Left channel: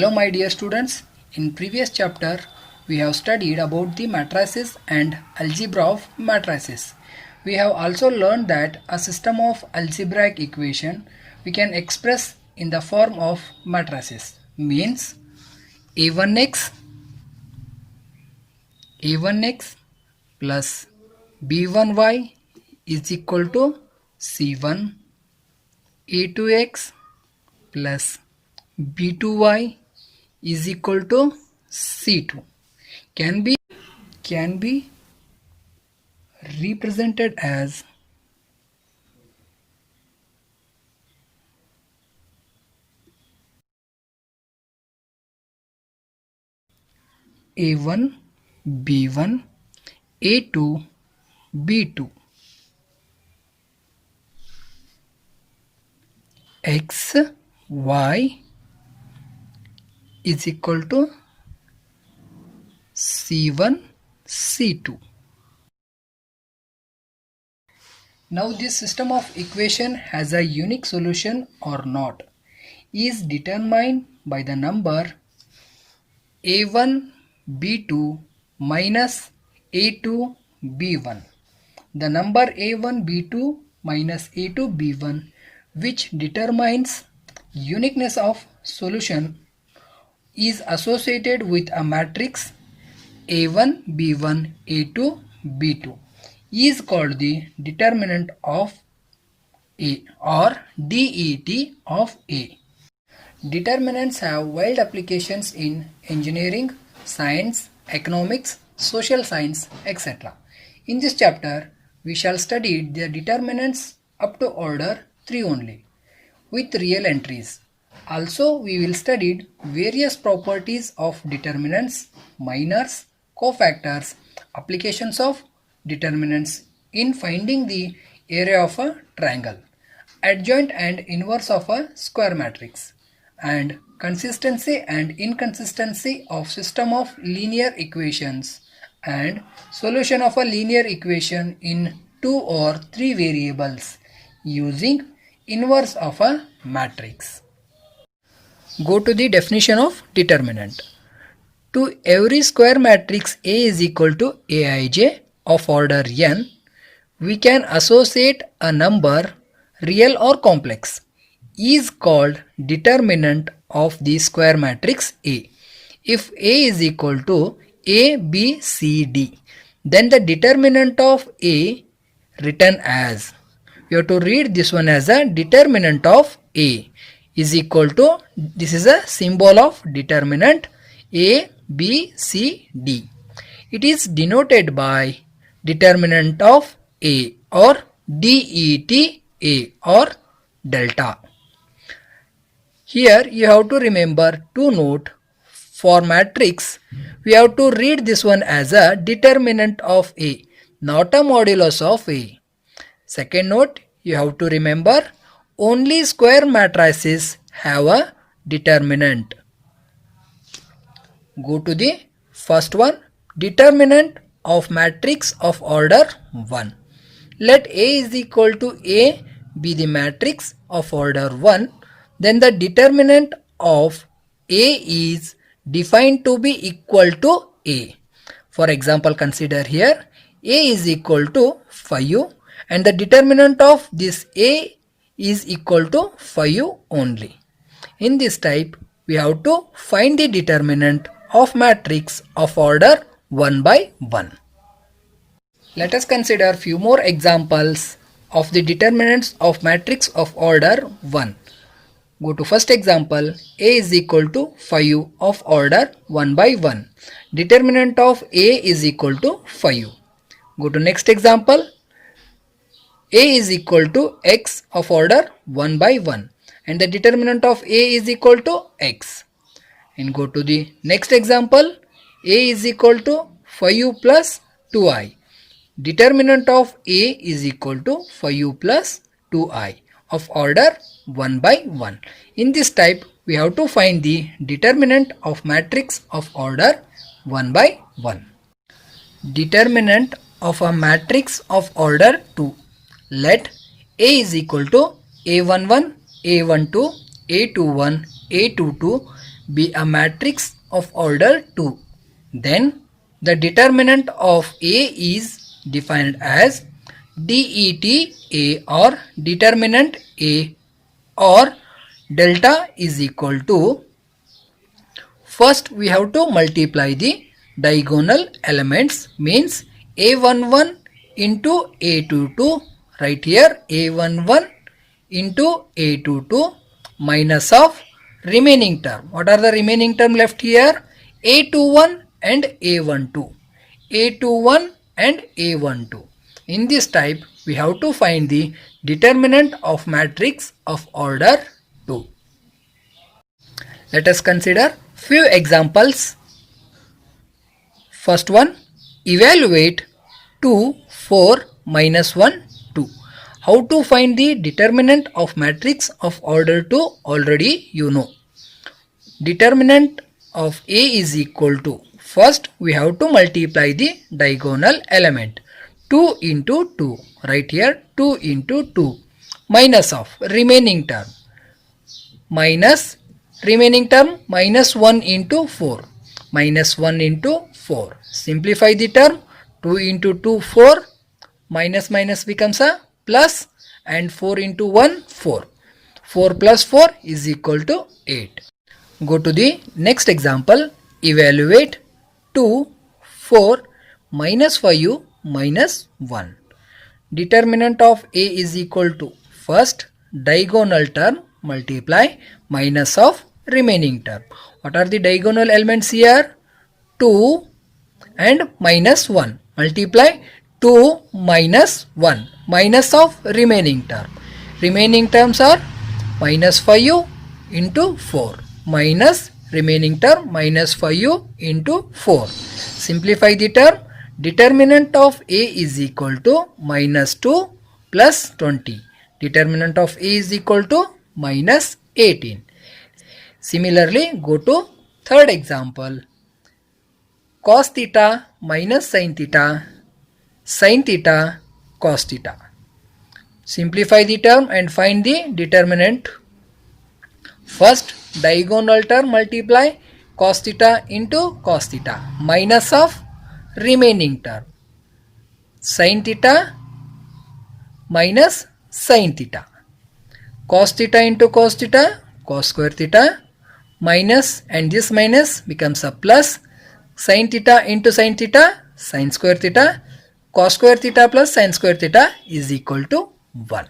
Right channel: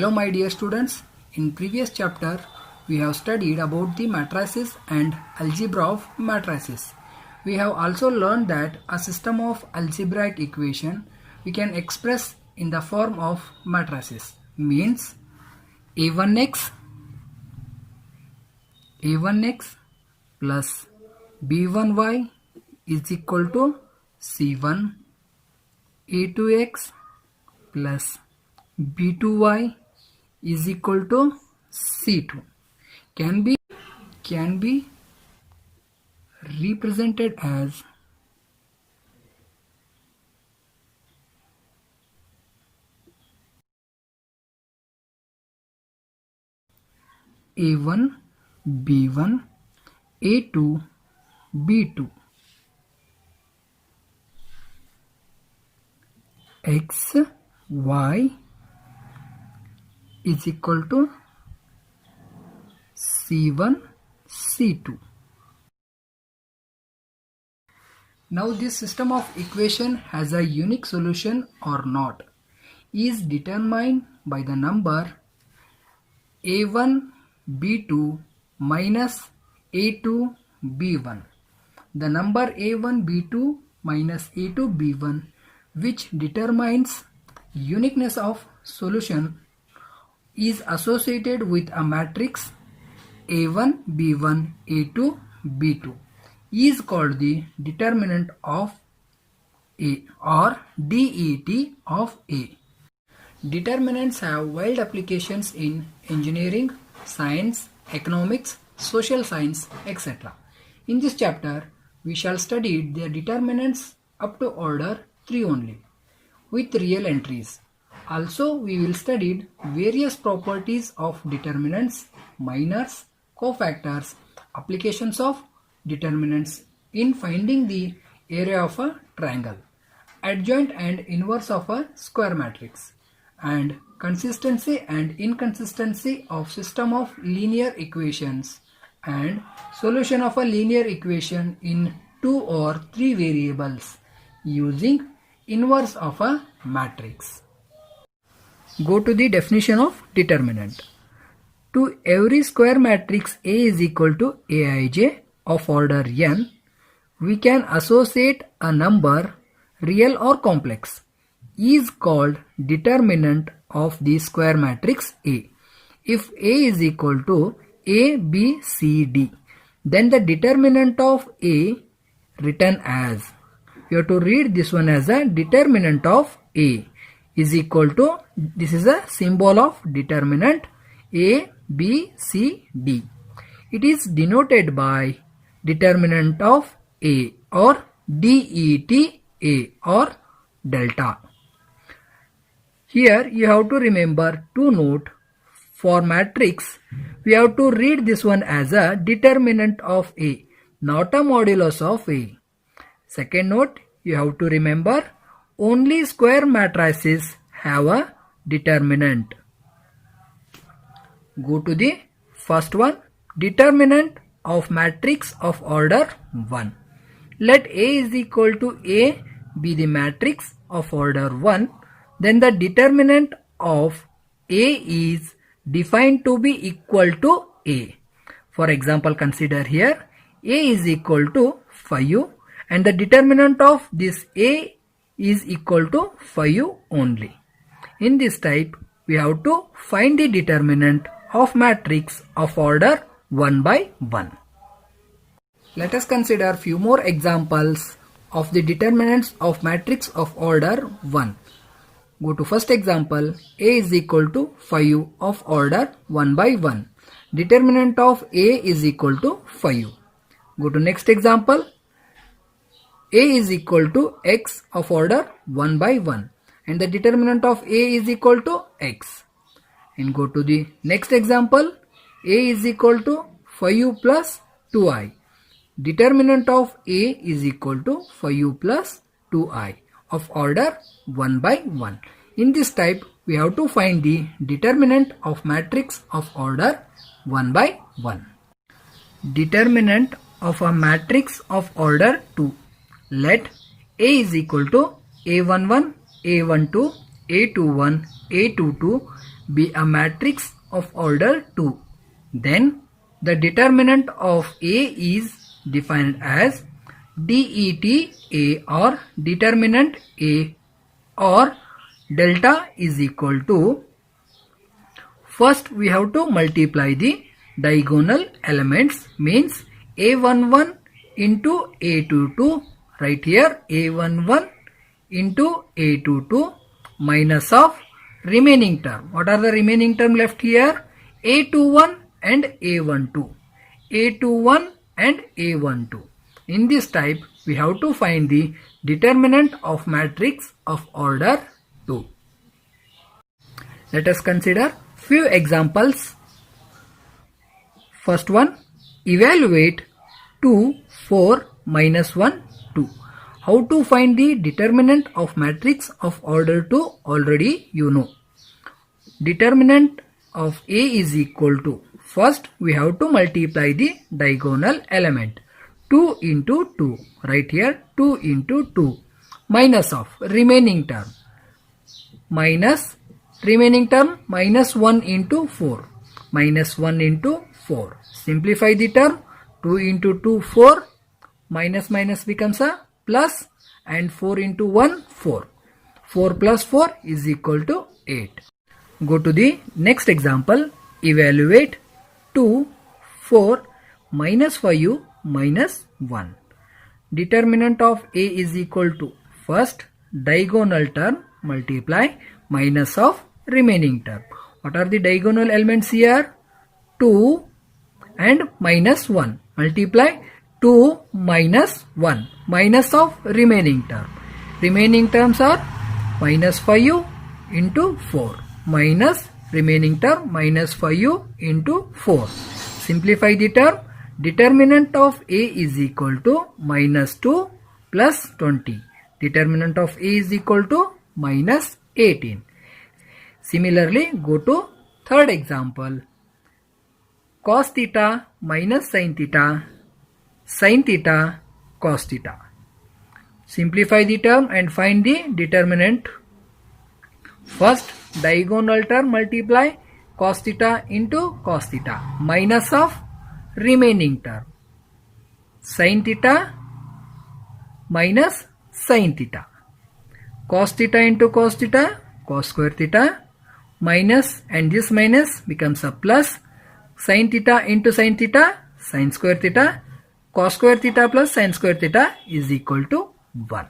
Hello my dear students, in previous chapter we have studied about the matrices and algebra of matrices. We have also learned that a system of algebraic equation we can express in the form of matrices, means a1x plus b1y is equal to c1, a2x plus b2y is equal to c2 can be represented as a1 b1 a2 b2 x y is equal to c1 c2. Now this system of equation has a unique solution or not is determined by the number a1 b2 minus a2 b1. The number a1 b2 minus a2 b1 which determines uniqueness of solution is associated with a matrix a1 b1 a2 b2 is called the determinant of A or DET of A. Determinants have wide applications in engineering, science, economics, social science, etc. In this chapter, we shall study the determinants up to order 3 only, with real entries. Also, we will study various properties of determinants, minors, cofactors, applications of determinants in finding the area of a triangle, adjoint and inverse of a square matrix, and consistency and inconsistency of system of linear equations and solution of a linear equation in 2 or 3 variables using inverse of a matrix. Go to the definition of determinant. To every square matrix A is equal to Aij of order n, we can associate a number, real or complex, is called determinant of the square matrix A. If A is equal to A, B, C, D, then the determinant of A written as, we have to read this one as a determinant of A is equal to, this is a symbol of determinant A, B, C, D. It is denoted by determinant of A or DET A or delta. Here you have to remember to note, for matrix we have to read this one as a determinant of A, not a modulus of A. Second note, you have to remember only square matrices have a determinant. Go to the first one, determinant of matrix of order 1. Let A is equal to A be the matrix of order 1, then the determinant of A is defined to be equal to A. For example, consider here A is equal to 5 and the determinant of this A is equal to 5 only. In this type, we have to find the determinant of matrix of order 1 by 1. Let us consider few more examples of the determinants of matrix of order 1. Go to first example, A is equal to 5 of order 1 by 1. Determinant of A is equal to 5. Go to next example, A is equal to x of order 1 by 1 and the determinant of A is equal to x. And go to the next example, A is equal to 5 plus 2i. Determinant of A is equal to 5 plus 2i of order 1 by 1. In this type, we have to find the determinant of matrix of order 1 by 1. Determinant of a matrix of order 2. Let A is equal to A11, A12, A21, A22 be a matrix of order 2, then the determinant of A is defined as det A or determinant A or delta is equal to, first we have to multiply the diagonal elements, means A11 into A22, right here A11 into A22 minus of remaining term. What are the remaining term left here? A21 and A12. A21 and A12. In this type, we have to find the determinant of matrix of order 2. Let us consider few examples. First one, evaluate 2, 4, minus 1, 2. How to find the determinant of matrix of order 2? Already you know. Determinant of A is equal to, first we have to multiply the diagonal element. 2 into 2, right here 2 into 2, minus of remaining term, minus remaining term minus 1 into 4, minus 1 into 4. Simplify the term, 2 into 2 4, minus minus becomes a plus, and 4 into 1 4. 4 plus 4 is equal to 8. Go to the next example. Evaluate 2, 4, minus 5, minus 1. Determinant of A is equal to, first diagonal term multiply minus of remaining term. What are the diagonal elements here? 2 and minus 1. Multiply 2 minus 1, minus of remaining term. Remaining terms are minus 5 into 4, minus remaining term minus 5 into 4. Simplify the term. Determinant of A is equal to minus 2 plus 20. Determinant of A is equal to minus 18. Similarly, go to third example. Cos theta minus sin theta, cos theta. Simplify the term and find the determinant. First diagonal term multiply cos theta into cos theta minus of remaining term, sin theta minus sin theta, cos theta into cos theta, cos square theta, minus, and this minus becomes a plus, sin theta into sin theta, sin square theta, cos square theta plus sin square theta is equal to 1.